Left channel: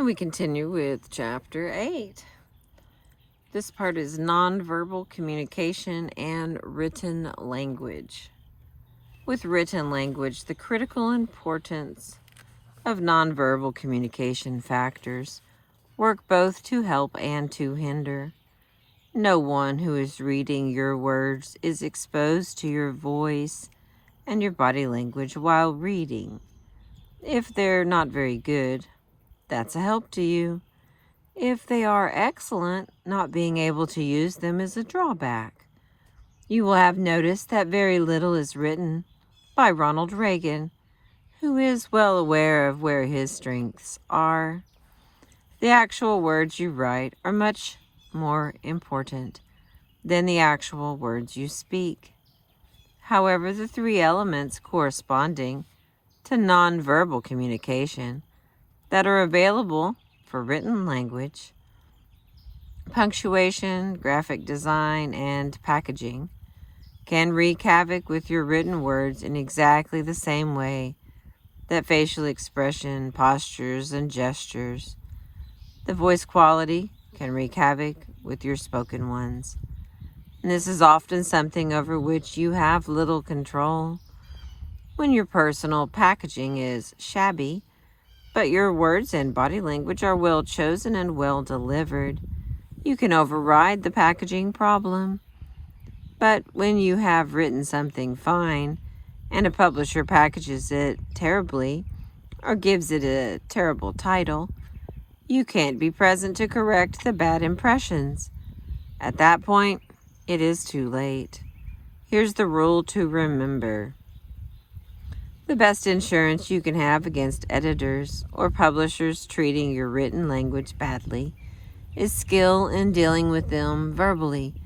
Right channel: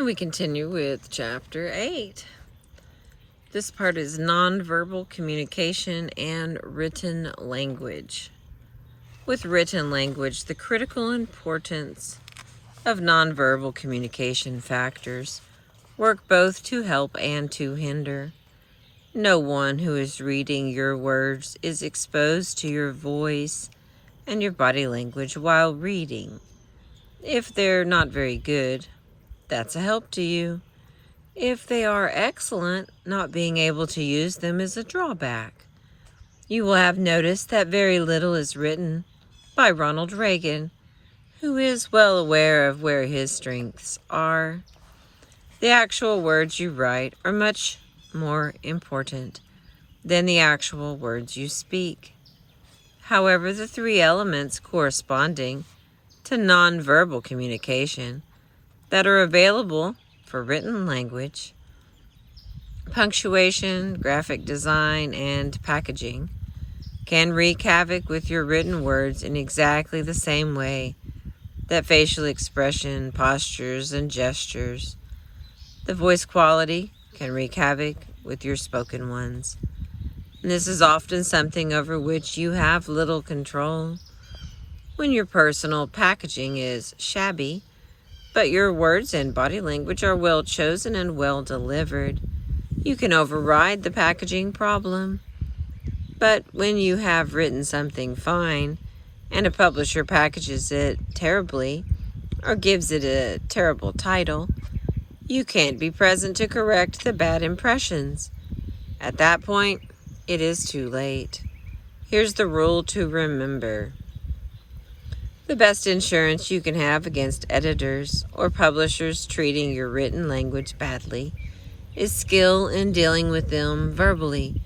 And we continue with Chapter 8. This part is nonverbal communication and written language. With written language, the critical importance of nonverbal communication factors work both to help and to hinder. No one who is reading your words is exposed to your voice and your body language while reading. If they're not very good, that's a help to you. If they are excellent, not being able to use them is a drawback. You will have noticed that very little is written by Ronald Reagan, who is well aware of where his strengths are. The actual words you write are much more important than the actual words you speak. However, the three elements corresponding to nonverbal communication that are available for written language, punctuation, graphic design, and packaging, can wreak havoc with your written words in exactly the same way that facial expression, postures, and gestures. The voice quality can wreak havoc with your spoken ones. And this is often something over which you have little control. When your personal packaging is shabby, but your words and body language are well chosen and well delivered, you can override the packaging problem. But when you have written something fine and a publisher packages it terribly or gives it a terrible title, you can't be present to correct the bad impressions. At that point, it is too late. Here's the rule to remember. The best insurance you can have against editors or publishers treating your written language badly is skill in dealing with them verbally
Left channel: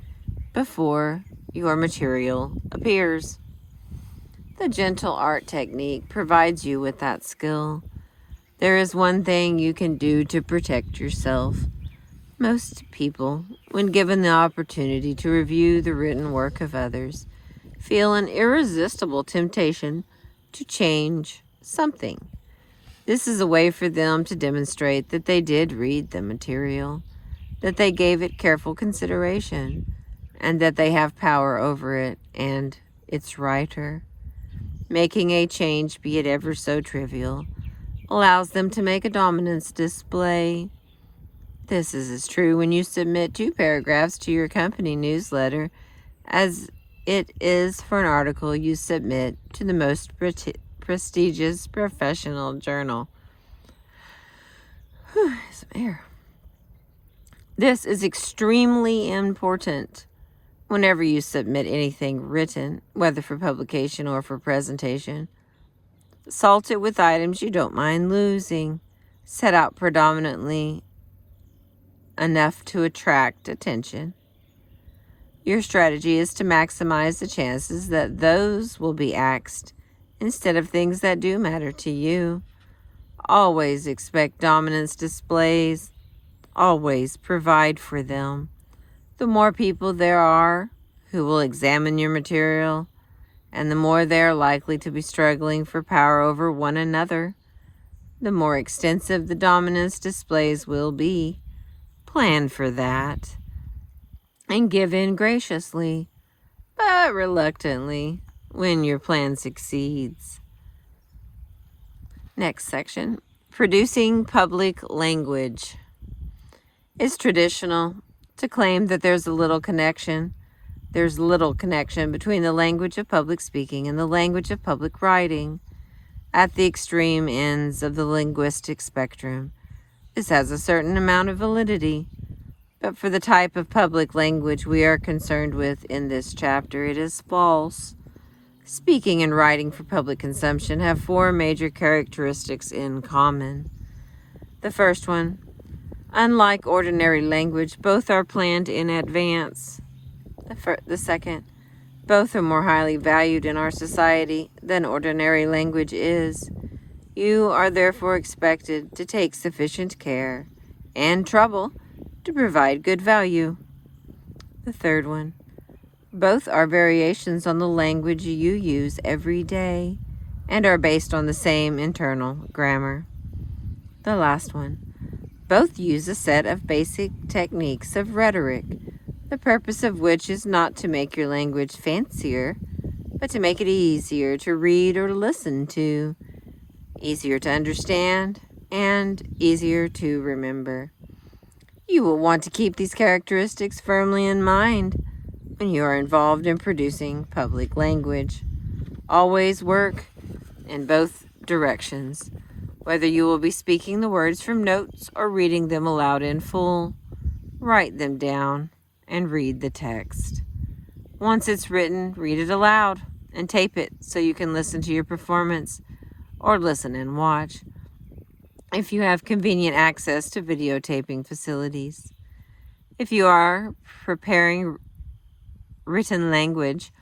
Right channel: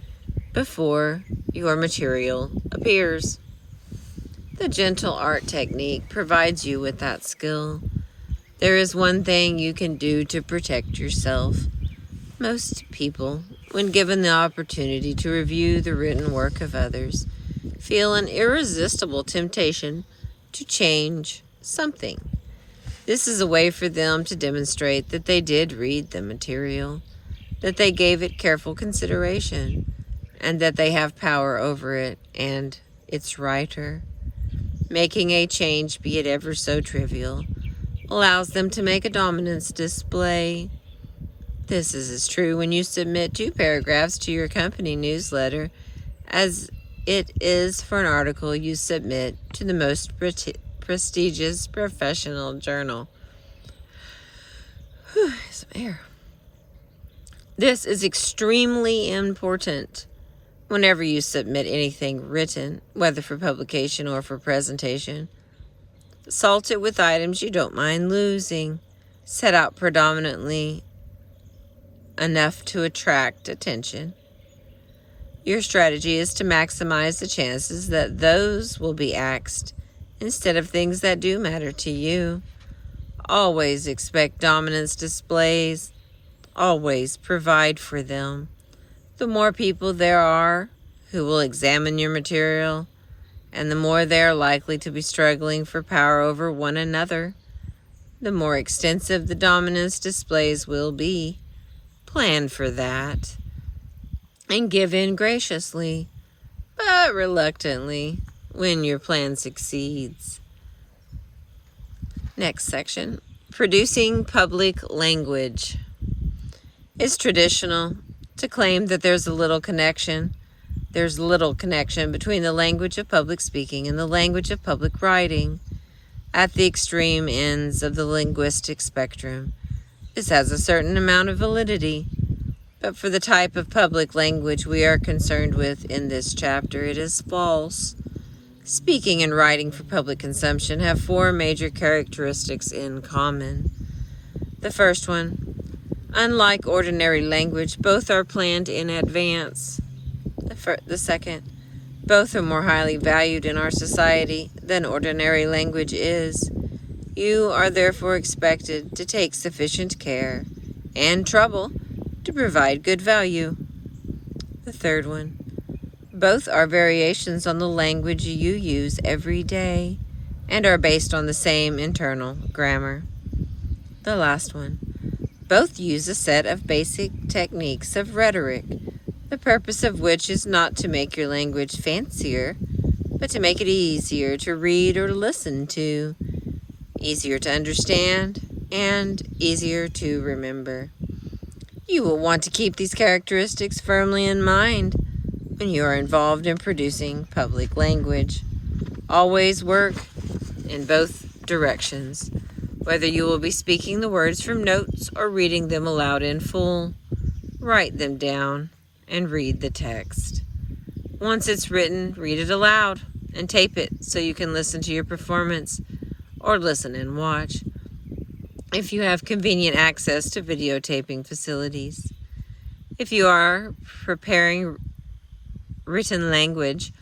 before your material appears. The gentle art technique provides you with that skill. There is one thing you can do to protect yourself. Most people, when given the opportunity to review the written work of others, feel an irresistible temptation to change something. This is a way for them to demonstrate that they did read the material, that they gave it careful consideration, and that they have power over it and its writer. Making a change, be it ever so trivial, allows them to make a dominance display. This is as true when you submit 2 paragraphs to your company newsletter as it is for an article you submit to the most prestigious professional journal. Some air. This is extremely important whenever you submit anything written, whether for publication or for presentation. Salt it with items you don't mind losing. Set out predominantly enough to attract attention. Your strategy is to maximize the chances that those will be axed instead of things that do matter to you. Always expect dominance displays. Always provide for them. The more people there are who will examine your material, and the more they are likely to be struggling for power over one another, the more extensive the dominance displays will be. Plan for that, and give in graciously, but reluctantly, when your plan succeeds. Next section, producing public language. It's traditional to claim that there's little connection between the language of public speaking and the language of public writing. At the extreme ends of the linguistic spectrum, this has a certain amount of validity. But for the type of public language we are concerned with in this chapter, it is false. Speaking and writing for public consumption have 4 major characteristics in common. The first one, unlike ordinary language, both are planned in advance. The second, both are more highly valued in our society than ordinary language is. You are therefore expected to take sufficient care and trouble to provide good value. The third one, both are variations on the language you use every day and are based on the same internal grammar. The last one, Both use a set of basic techniques of rhetoric, the purpose of which is not to make your language fancier, but to make it easier to read or listen to, easier to understand, and easier to remember. You will want to keep these characteristics firmly in mind when you are involved in producing public language. Always work in both directions, whether you will be speaking the words from notes or reading them aloud in full. Write them down and read the text. Once it's written, read it aloud and tape it so you can listen to your performance or listen and watch if you have convenient access to videotaping facilities. If you are preparing written language,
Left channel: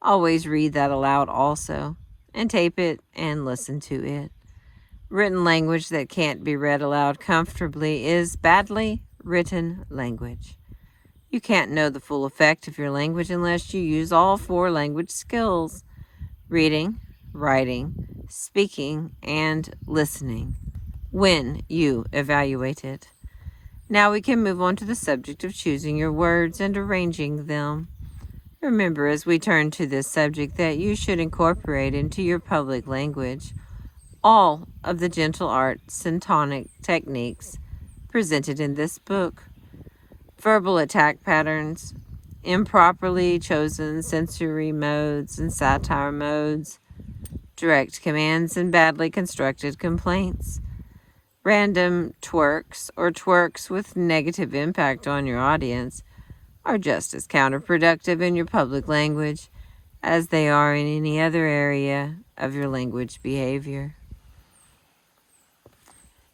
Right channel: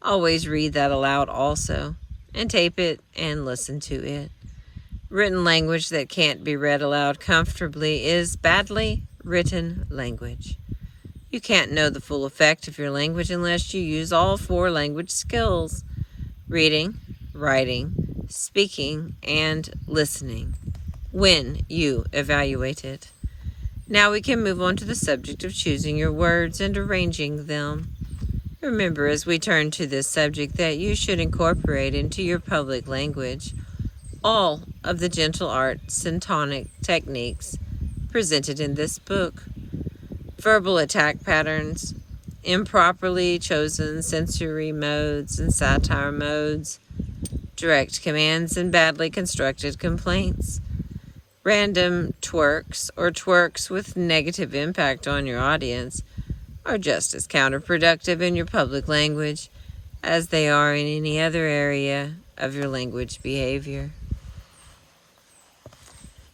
always read that aloud also, and tape it and listen to it. Written language that can't be read aloud comfortably is badly written language. You can't know the full effect of your language unless you use all 4 language skills: reading, writing, speaking, and listening when you evaluate it. Now we can move on to the subject of choosing your words and arranging them. Remember, as we turn to this subject, that you should incorporate into your public language all of the gentle arts and tonic techniques presented in this book. Verbal attack patterns, improperly chosen sensory modes and satire modes, direct commands and badly constructed complaints, random twerks or twerks with negative impact on your audience are just as counterproductive in your public language as they are in any other area of your language behavior.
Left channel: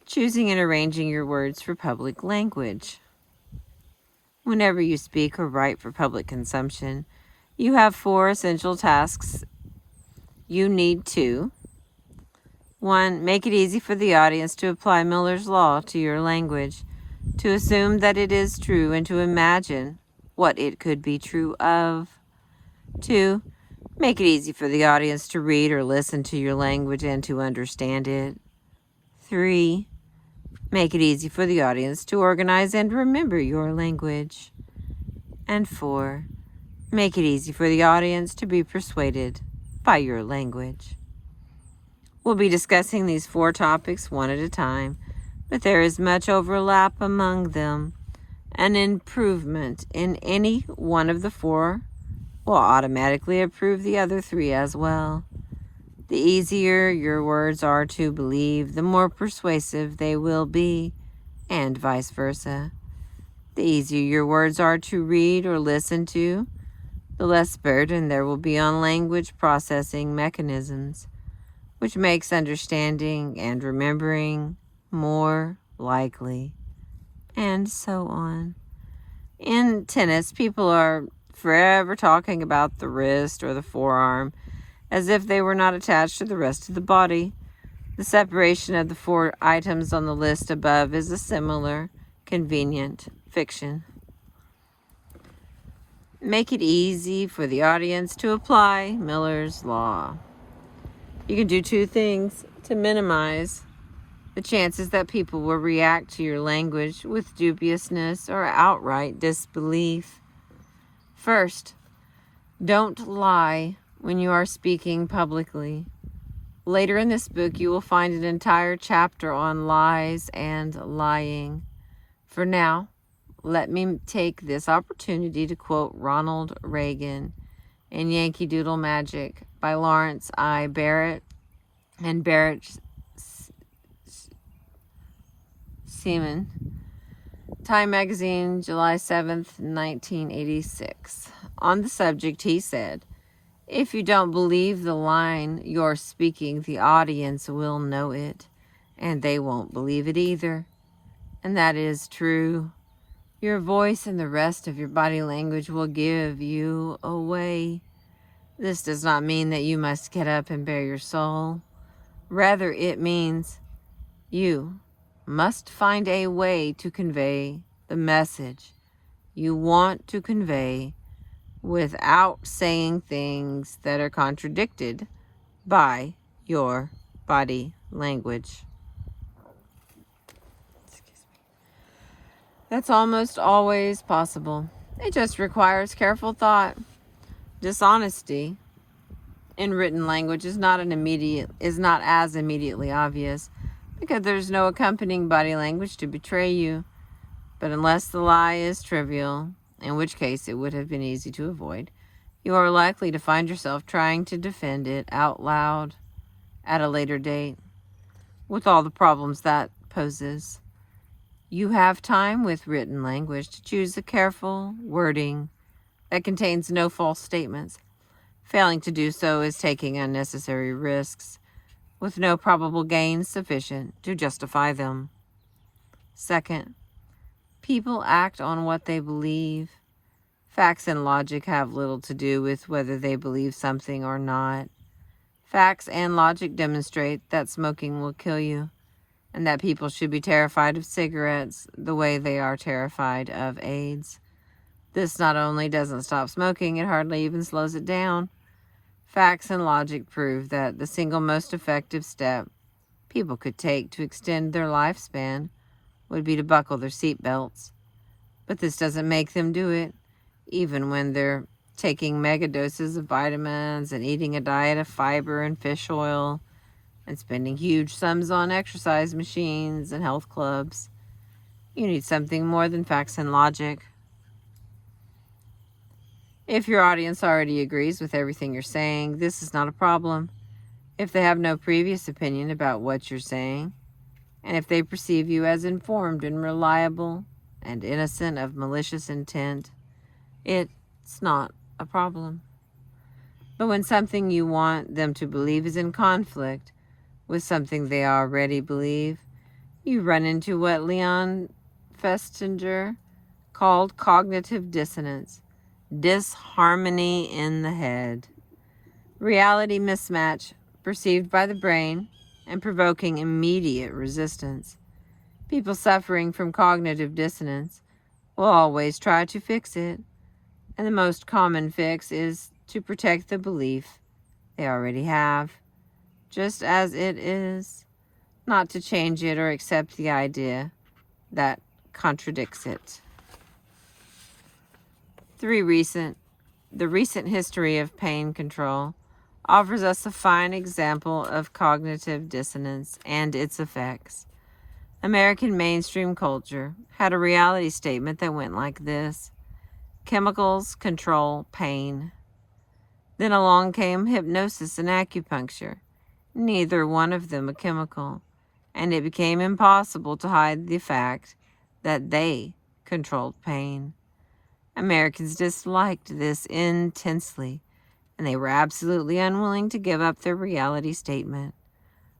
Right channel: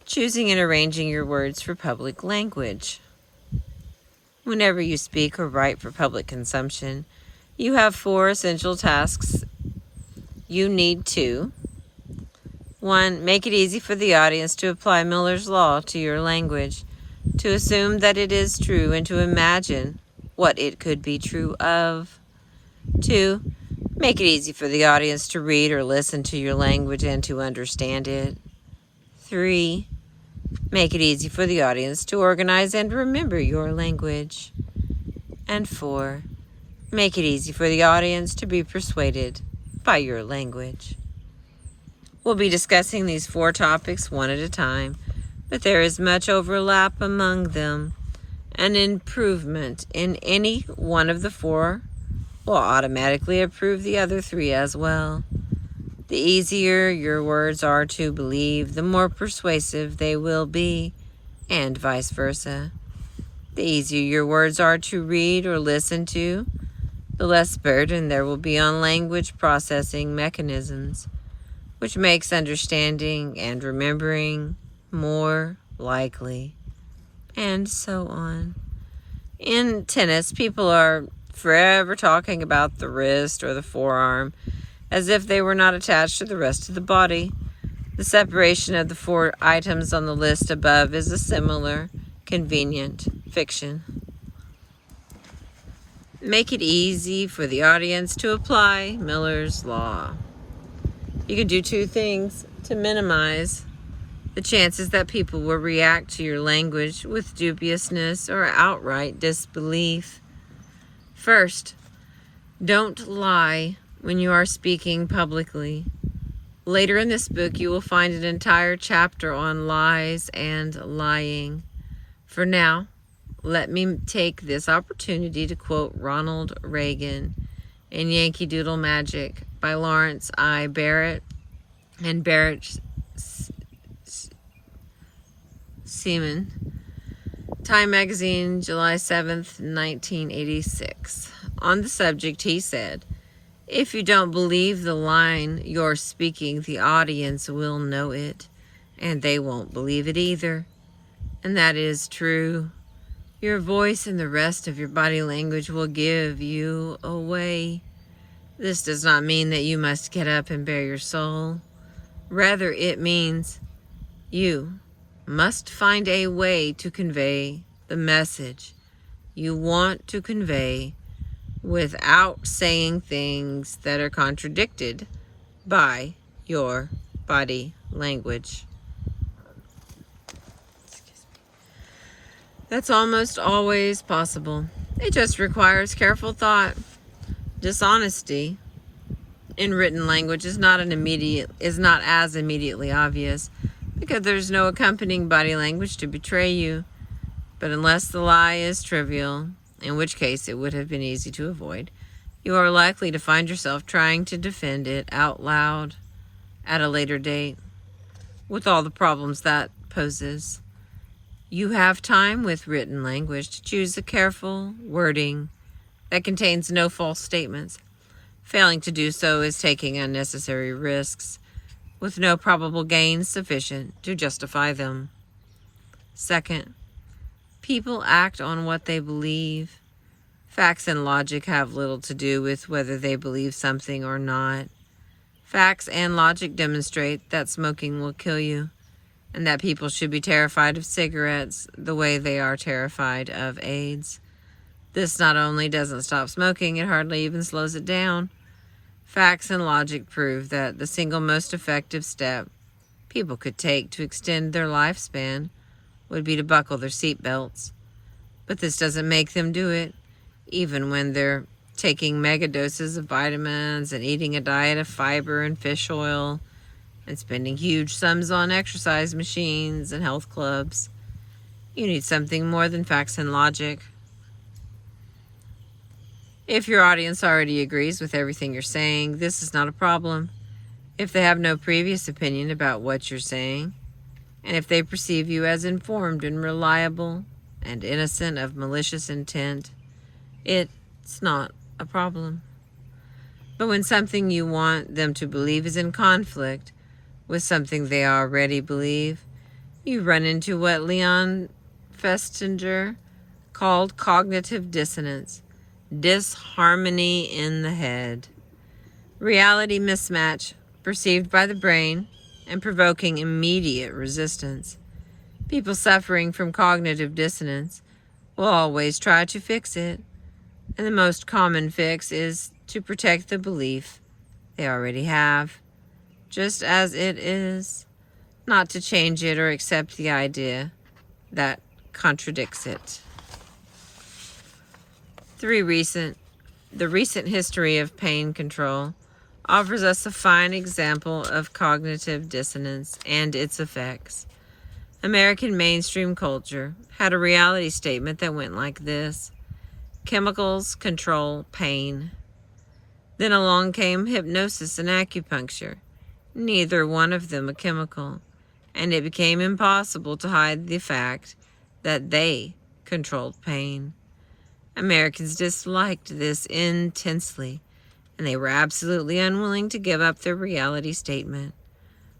Choosing and arranging your words for public language. Whenever you speak or write for public consumption, you have 4 essential tasks you need to: 1. Make it easy for the audience to apply Miller's Law to your language, to assume that it is true and to imagine what it could be true of. 2. Make it easy for the audience to read or listen to your language and to understand it. 3. Make it easy for the audience to organize and remember your language. And 4. Make it easy for the audience to be persuaded by your language. We'll be discussing these 4 topics one at a time, but there is much overlap among them. An improvement in any one of the 4 will automatically improve the other 3 as well. The easier your words are to believe, the more persuasive they will be, and vice versa. The easier your words are to read or listen to, the less burden there will be on language processing mechanisms, which makes understanding and remembering more likely, and so on. In tennis, people are forever talking about the wrist or the forearm as if they were not attached to the rest of the body. The separation of the 4 items on the list above is a similar, convenient fiction. Make it easy for the audience to apply Miller's Law. You can do 2 things to minimize the chances that people will react to your language with dubiousness or outright disbelief. First, don't lie when you are speaking publicly. Later in this book, you will find an entire chapter on lies and lying. For now, let me take this opportunity to quote Ronald Reagan in Yankee Doodle Magic by Lawrence I. Barrett and Barrett Seaman. Time Magazine, July 7th, 1986. On the subject, he said, "If you don't believe the line you're speaking, the audience will know it, and they won't believe it either." And that is true. Your voice and the rest of your body language will give you away. This does not mean that you must get up and bare your soul. Rather, it means you must find a way to convey the message you want to convey without saying things that are contradicted by your body language. That's almost always possible. It just requires careful thought. Dishonesty in written language is not as immediately obvious because there's no accompanying body language to betray you. But unless the lie is trivial, in which case it would have been easy to avoid, you are likely to find yourself trying to defend it out loud at a later date, with all the problems that poses. You have time with written language to choose the careful wording that contains no false statements. Failing to do so is taking unnecessary risks with no probable gain sufficient to justify them. Second, people act on what they believe. Facts and logic have little to do with whether they believe something or not. Facts and logic demonstrate that smoking will kill you, and that people should be terrified of cigarettes the way they are terrified of AIDS. This not only doesn't stop smoking, it hardly even slows it down. Facts and logic prove that the single most effective step people could take to extend their lifespan would be to buckle their seatbelts. But this doesn't make them do it, even when they're taking mega doses of vitamins and eating a diet of fiber and fish oil and spending huge sums on exercise machines and health clubs. You need something more than facts and logic. If your audience already agrees with everything you're saying, this is not a problem. If they have no previous opinion about what you're saying, and if they perceive you as informed and reliable and innocent of malicious intent, it's not a problem. But when something you want them to believe is in conflict with something they already believe, you run into what Leon Festinger called cognitive dissonance, disharmony in the head. Reality mismatch perceived by the brain and provoking immediate resistance. People suffering from cognitive dissonance will always try to fix it, and the most common fix is to protect the belief they already have, just as it is, not to change it or accept the idea that contradicts it. The recent history of pain control offers us a fine example of cognitive dissonance and its effects. American mainstream culture had a reality statement that went like this: chemicals control pain. Then along came hypnosis and acupuncture, neither one of them a chemical, and it became impossible to hide the fact that they controlled pain. Americans disliked this intensely, and they were absolutely unwilling to give up their reality statement,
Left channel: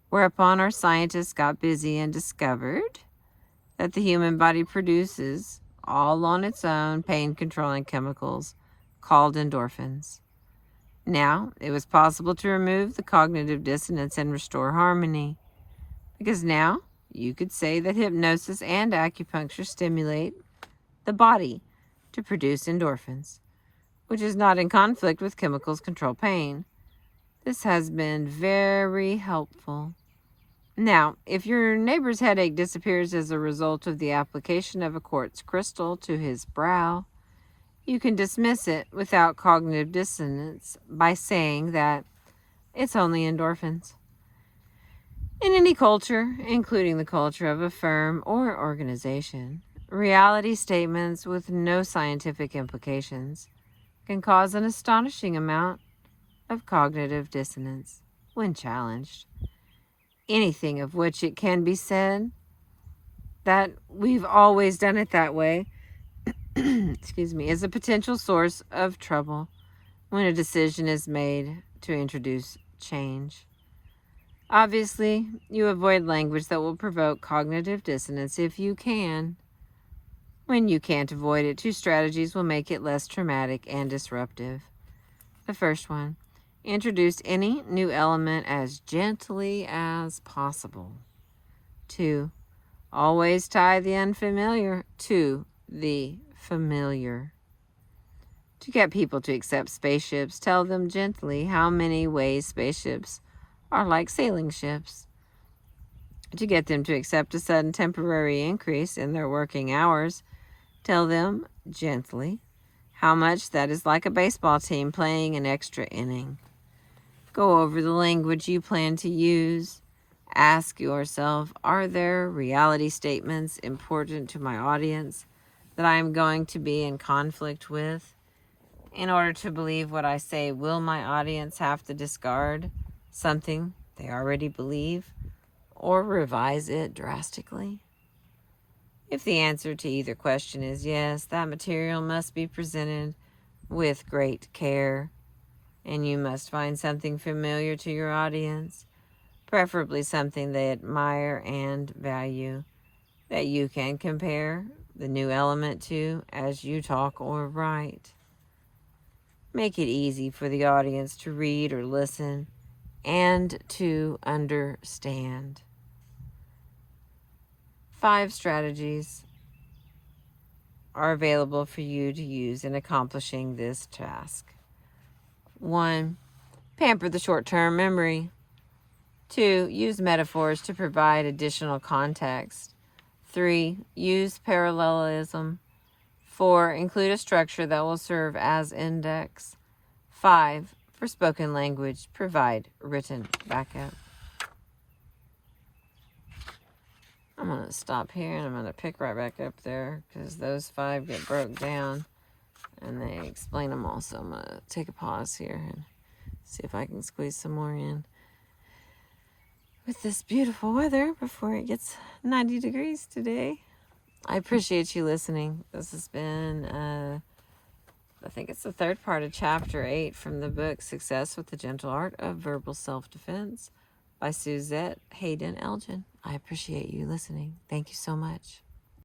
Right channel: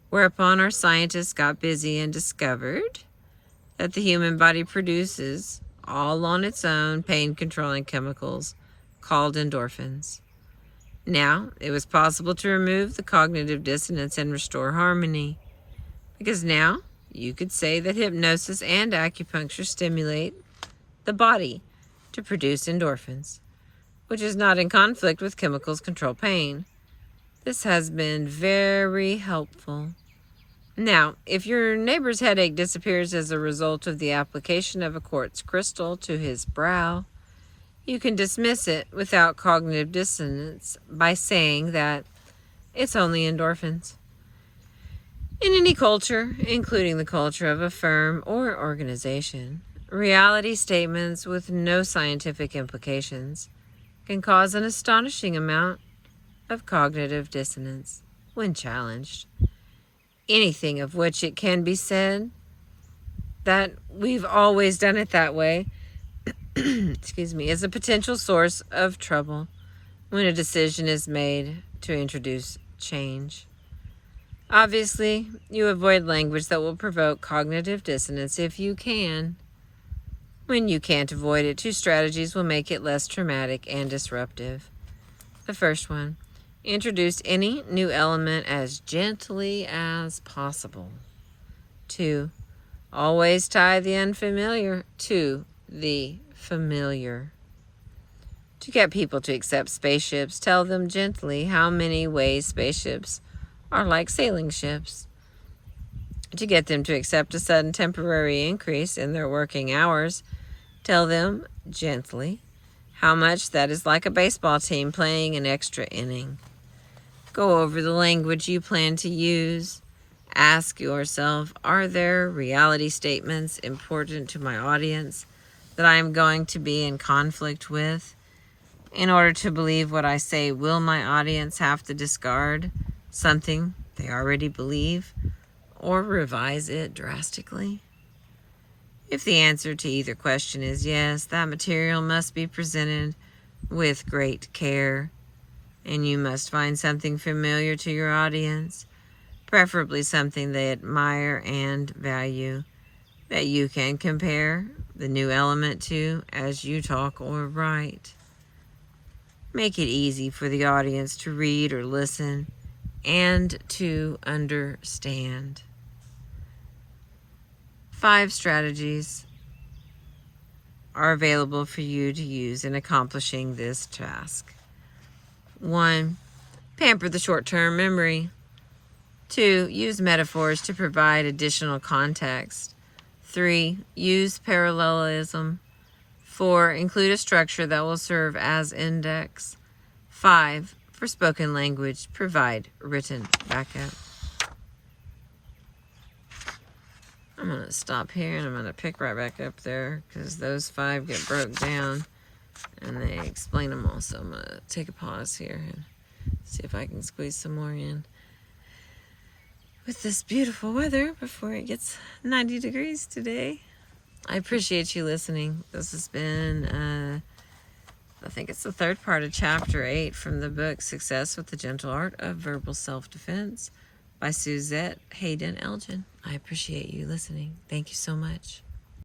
whereupon our scientists got busy and discovered that the human body produces, all on its own, pain-controlling chemicals called endorphins. Now, it was possible to remove the cognitive dissonance and restore harmony, because now you could say that hypnosis and acupuncture stimulate the body to produce endorphins, which is not in conflict with chemicals control pain. This has been very helpful. Now, if your neighbor's headache disappears as a result of the application of a quartz crystal to his brow, you can dismiss it without cognitive dissonance by saying that it's only endorphins. In any culture, including the culture of a firm or organization, reality statements with no scientific implications can cause an astonishing amount of cognitive dissonance when challenged. Anything of which it can be said that we've always done it that way is a potential source of trouble when a decision is made to introduce change. Obviously, you avoid language that will provoke cognitive dissonance if you can. When you can't avoid it, two strategies will make it less traumatic and disruptive. The first one, introduce any new element as gently as possible. 2, always tie the unfamiliar to the familiar. To get people to accept spaceships, tell them gently how many ways spaceships are like sailing ships. To get them to accept a sudden temporary increase in their working hours, tell them gently how much that is like a baseball team playing an extra inning. Go over the language you plan to use. Ask yourself, are there reality statements important to my audience that I am going to be in conflict with? In order to believe what I say, will my audience have to discard something they already believe or revise it drastically? If the answer to either question is yes, that material must be presented with great care, and you must find something familiar to your audience, preferably something they admire and value, that you can compare the new element to as you talk or write. Make it easy for the audience to read or listen and to understand. 5 strategies are available for you to use in accomplishing this task. 1. Pamper the short-term memory. 2. Use metaphors to provide additional context. 3. Use parallelism. 4. Include a structure that will serve as index. 5. For spoken language, provide written backup. I'm going to stop here and I'm going to pick right back up there because those 5 get broke down and they explain them all. So I'm going to take a pause here and see if I can squeeze some more in with this beautiful weather before it gets 90 degrees today. I appreciate you listening. This has been, I think it's the 3rd part of Chapter 8 from the book Success with the Gentle Art of Verbal Self-Defense by Suzette Haden Elgin. I appreciate you listening. Thank you so much.